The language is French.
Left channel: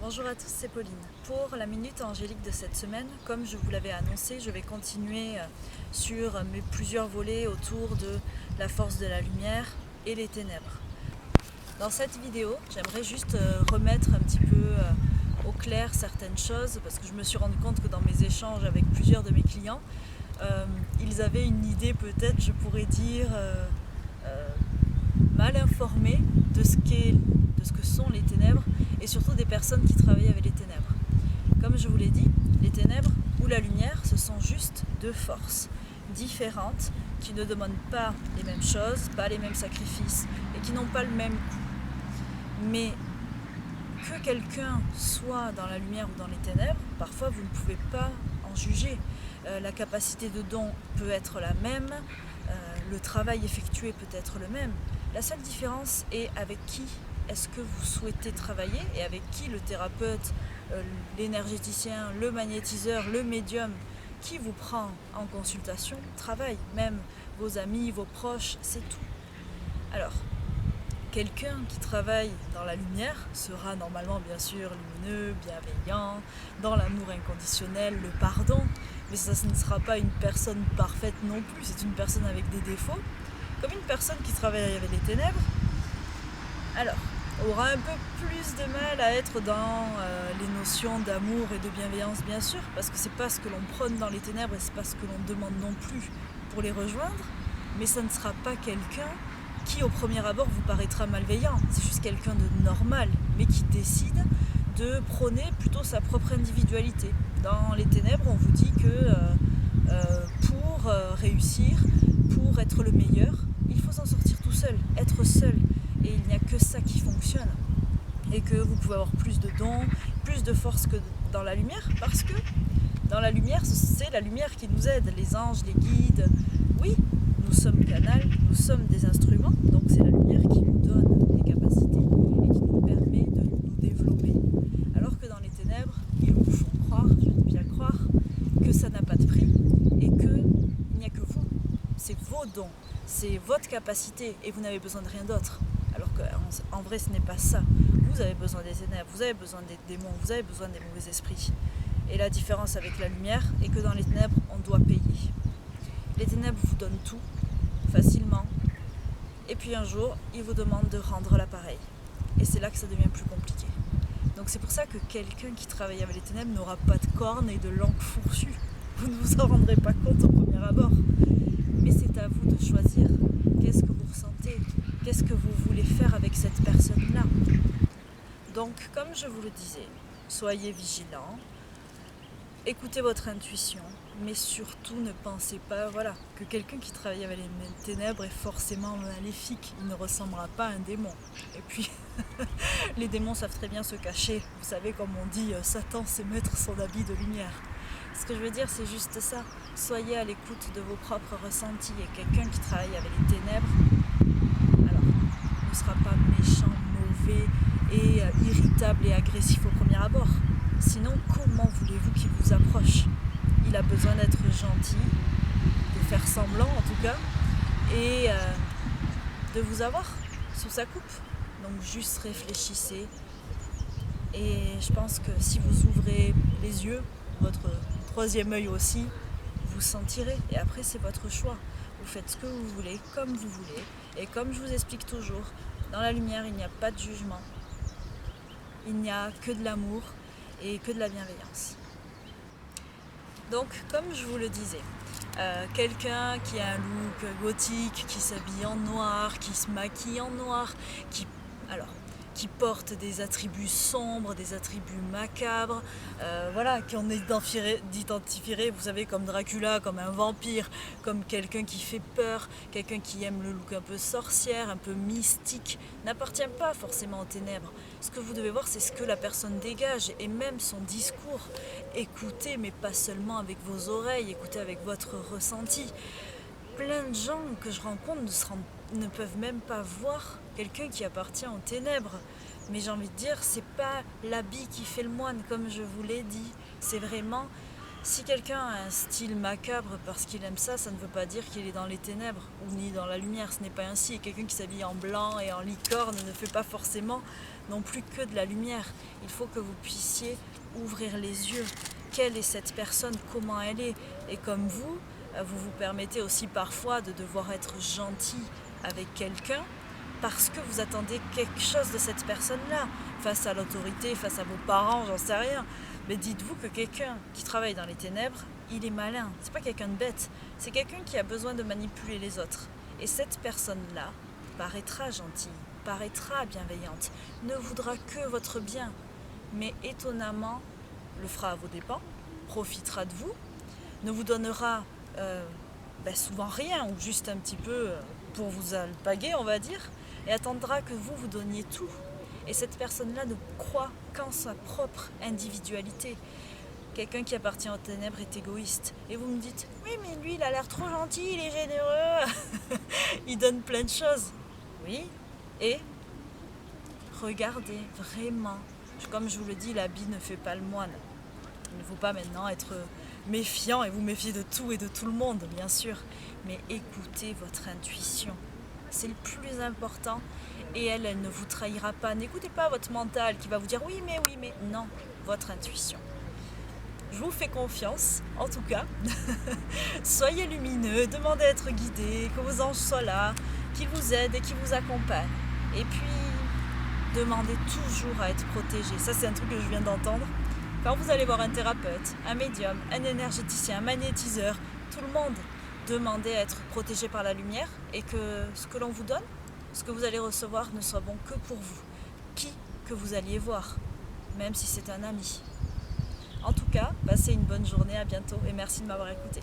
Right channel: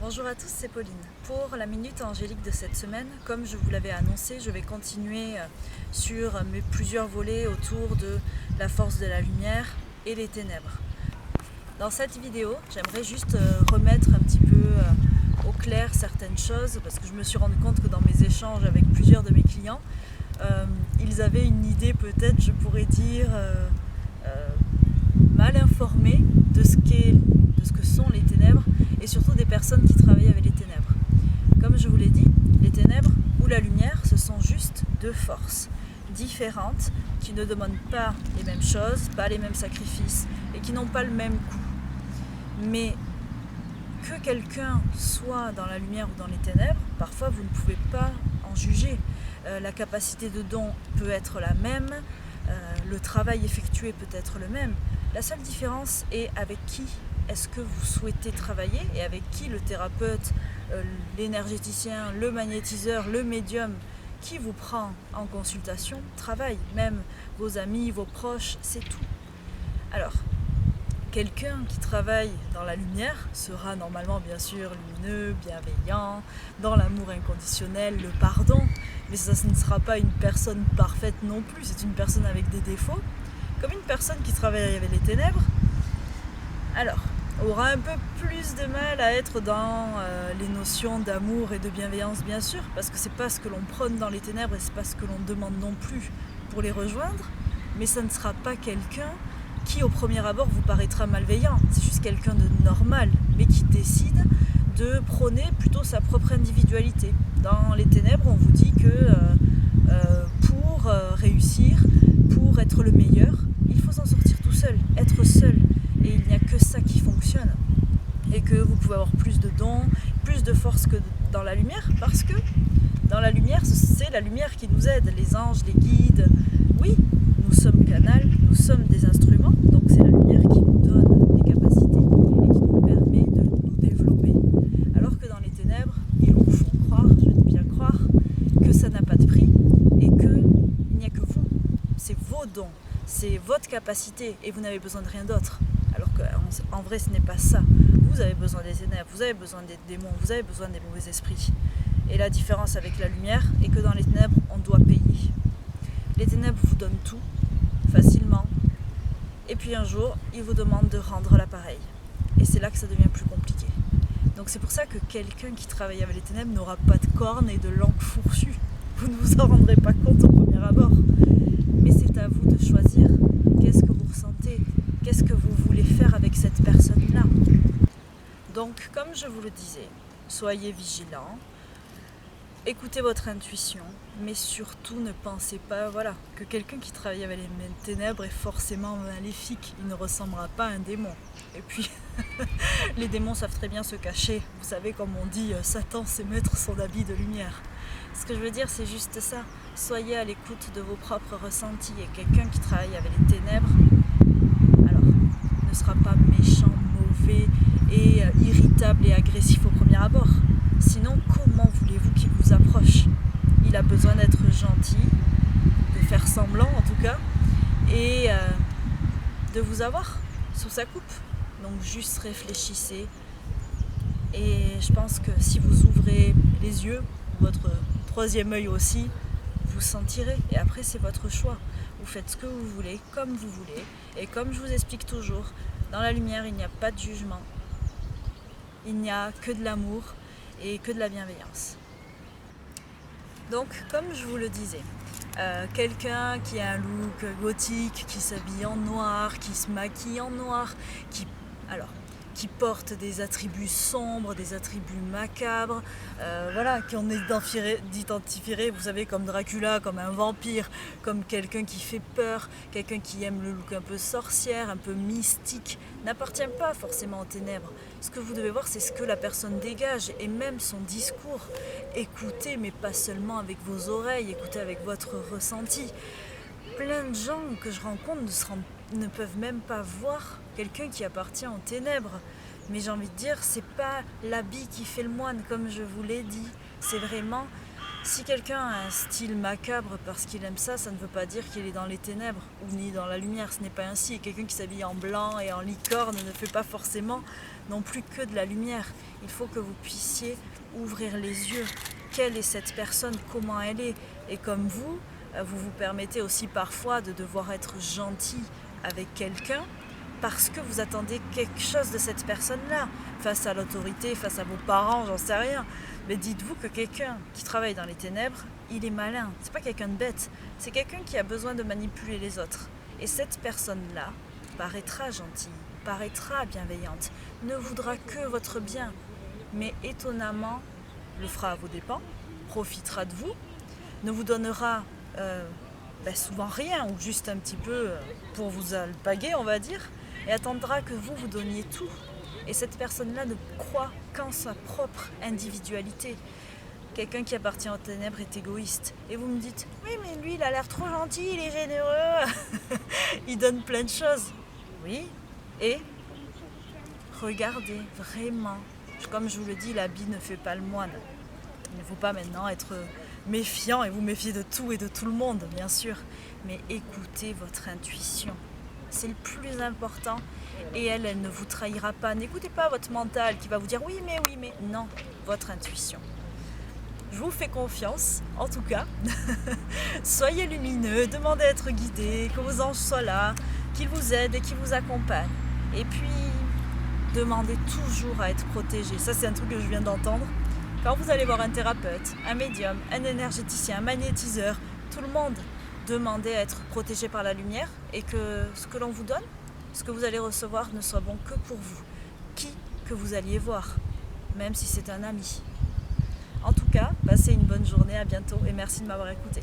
Bonjour à tous, c'est Pauline. Pour la Minute Angélique de cette semaine, comme je vous l'avais annoncé, je vais continuer sur mes plusieurs volets autour de la force de la lumière et les ténèbres. Dans cette vidéo, j'aimerais juste remettre un petit peu au clair certaines choses, parce que je me suis rendu compte que dans mes échanges avec plusieurs de mes clients, ils avaient une idée peut-être, je pourrais dire, mal informée de ce que sont les ténèbres et surtout des personnes qui travaillent avec les ténèbres. Comme je vous l'ai dit, les ténèbres ou la lumière, ce sont juste deux forces différentes qui ne demandent pas les mêmes choses, pas les mêmes sacrifices et qui n'ont pas le même coût. Mais que quelqu'un soit dans la lumière ou dans les ténèbres, parfois vous ne pouvez pas en juger. La capacité de don peut être la même, le travail effectué peut être le même. La seule différence est avec qui est-ce que vous souhaitez travailler et avec qui le thérapeute, l'énergéticien, le magnétiseur, le médium qui vous prend en consultation travaille, même vos amis, vos proches, c'est tout. Alors, quelqu'un qui travaille dans la lumière sera normalement bien sûr lumineux, bienveillant, dans l'amour inconditionnel, le pardon, mais ça ne sera pas une personne parfaite non plus, c'est une personne avec des défauts, comme une personne qui travaille avec les ténèbres. Alors, aura un peu plus de mal à être dans les notions d'amour et de bienveillance bien sûr, parce que c'est pas ce que l'on prône dans les ténèbres et c'est pas ce que l'on demande non plus pour les rejoindre, mais ça ne sera pas quelqu'un qui au premier abord vous paraîtra malveillant, c'est juste quelqu'un de normal, mais qui décide de prôner plutôt sa propre individualité. Dans les ténèbres, on vous dit que pour réussir, pour être le meilleur, il faut s'en sortir tout seul, être seul. Et il n'y a que ça qui fonctionne. Et que vous pouvez avoir plus de dons, plus de force que dans la lumière, parce que dans la lumière, c'est la lumière qui nous aide, les anges, les guides. Oui, nous sommes canal, nous sommes des instruments, donc c'est la lumière qui nous donne des capacités et qui nous permet de nous développer. Alors que dans les ténèbres, ils vous font croire, je dis bien croire, que ça n'a pas de prix et qu'il n'y a que vous. C'est vos dons, c'est votre capacité et vous n'avez besoin de rien d'autre. Alors qu'en vrai, ce n'est pas ça. Vous avez besoin des ténèbres, vous avez besoin des démons, vous avez besoin des mauvais esprits. Et la différence avec la lumière est que dans les ténèbres, on doit payer. Les ténèbres vous donnent tout, facilement, et puis un jour, ils vous demandent de rendre l'appareil. Et c'est là que ça devient plus compliqué. Donc c'est pour ça que quelqu'un qui travaille avec les ténèbres n'aura pas de cornes et de langue fourchue. Vous ne vous en rendrez pas compte au premier abord. Mais c'est à vous de choisir. Qu'est-ce que vous ressentez ? Qu'est-ce que vous voulez faire avec cette personne-là ? Donc, comme je vous le disais, soyez vigilants, écoutez votre intuition, mais surtout ne pensez pas que quelqu'un qui travaille avec les ténèbres est forcément maléfique. Il ne ressemblera pas à un démon. Et puis, les démons savent très bien se cacher. Vous savez, comme on dit, Satan sait mettre son habit de lumière. Ce que je veux dire, c'est juste ça. Soyez à l'écoute de vos propres ressentis. Et quelqu'un qui travaille avec les ténèbres, alors, ne sera pas méchant, mauvais et irritable et agressif au premier abord. Sinon, comment voulez-vous qu'il vous approche ? Il a besoin d'être gentil, de faire semblant en tout cas, et de vous avoir sous sa coupe. Donc juste réfléchissez. Et je pense que si vous ouvrez les yeux, votre troisième œil aussi, vous sentirez. Et après, c'est votre choix. Vous faites ce que vous voulez, comme vous voulez. Et comme je vous explique toujours, dans la lumière, il n'y a pas de jugement. Il n'y a que de l'amour et que de la bienveillance. Donc, comme je vous le disais, quelqu'un qui a un look gothique, qui s'habille en noir, qui se maquille en noir, qui porte des attributs sombres, des attributs macabres, qu'on identifierait, vous savez, comme Dracula, comme un vampire, comme quelqu'un qui fait peur, quelqu'un qui aime le look un peu sorcière, un peu mystique, n'appartient pas forcément aux ténèbres. Ce que vous devez voir, c'est ce que la personne dégage, et même son discours. Écoutez, mais pas seulement avec vos oreilles, écoutez avec votre ressenti. Plein de gens que je rencontre ne peuvent même pas voir quelqu'un qui appartient aux ténèbres. Mais j'ai envie de dire, c'est pas l'habit qui fait le moine, comme je vous l'ai dit. C'est vraiment, si quelqu'un a un style macabre parce qu'il aime ça, ça ne veut pas dire qu'il est dans les ténèbres ou ni dans la lumière. Ce n'est pas ainsi. Et quelqu'un qui s'habille en blanc et en licorne ne fait pas forcément non plus que de la lumière. Il faut que vous puissiez ouvrir les yeux. Quelle est cette personne? Comment elle est? Et comme vous vous permettez aussi parfois de devoir être gentil avec quelqu'un parce que vous attendez quelque chose de cette personne-là, face à l'autorité, face à vos parents, j'en sais rien. Mais dites-vous que quelqu'un qui travaille dans les ténèbres, il est malin. C'est pas quelqu'un de bête, c'est quelqu'un qui a besoin de manipuler les autres. Et cette personne-là paraîtra gentille, paraîtra bienveillante, ne voudra que votre bien. Mais étonnamment, le fera à vos dépens, profitera de vous, ne vous donnera souvent rien ou juste un petit peu pour vous alpaguer, on va dire, et attendra que vous donniez tout. Et cette personne-là ne croit qu'en sa propre individualité. Quelqu'un qui appartient aux ténèbres est égoïste. Et vous me dites, oui mais lui il a l'air trop gentil, il est généreux, il donne plein de choses. Oui, et regardez vraiment, comme je vous le dis, l'habit ne fait pas le moine. Il ne faut pas maintenant être méfiant et vous méfier de tout et de tout le monde, bien sûr. Mais écoutez votre intuition. C'est le plus important. Et elle ne vous trahira pas. N'écoutez pas votre mental qui va vous dire oui mais. Non, votre intuition. Je vous fais confiance, en tout cas. Soyez lumineux, demandez à être guidé, que vos anges soient là, qu'ils vous aident et qu'ils vous accompagnent. Et puis, demandez toujours à être protégé. Ça, c'est un truc que je viens d'entendre. Quand vous allez voir un thérapeute, un médium, un énergéticien, un magnétiseur, tout le monde, demandez à être protégé par la lumière et que ce que l'on vous donne, ce que vous allez recevoir ne soit bon que pour vous. Qui que vous alliez voir, même si c'est un ami. En tout cas, passez une bonne journée, à bientôt et merci de m'avoir écouté.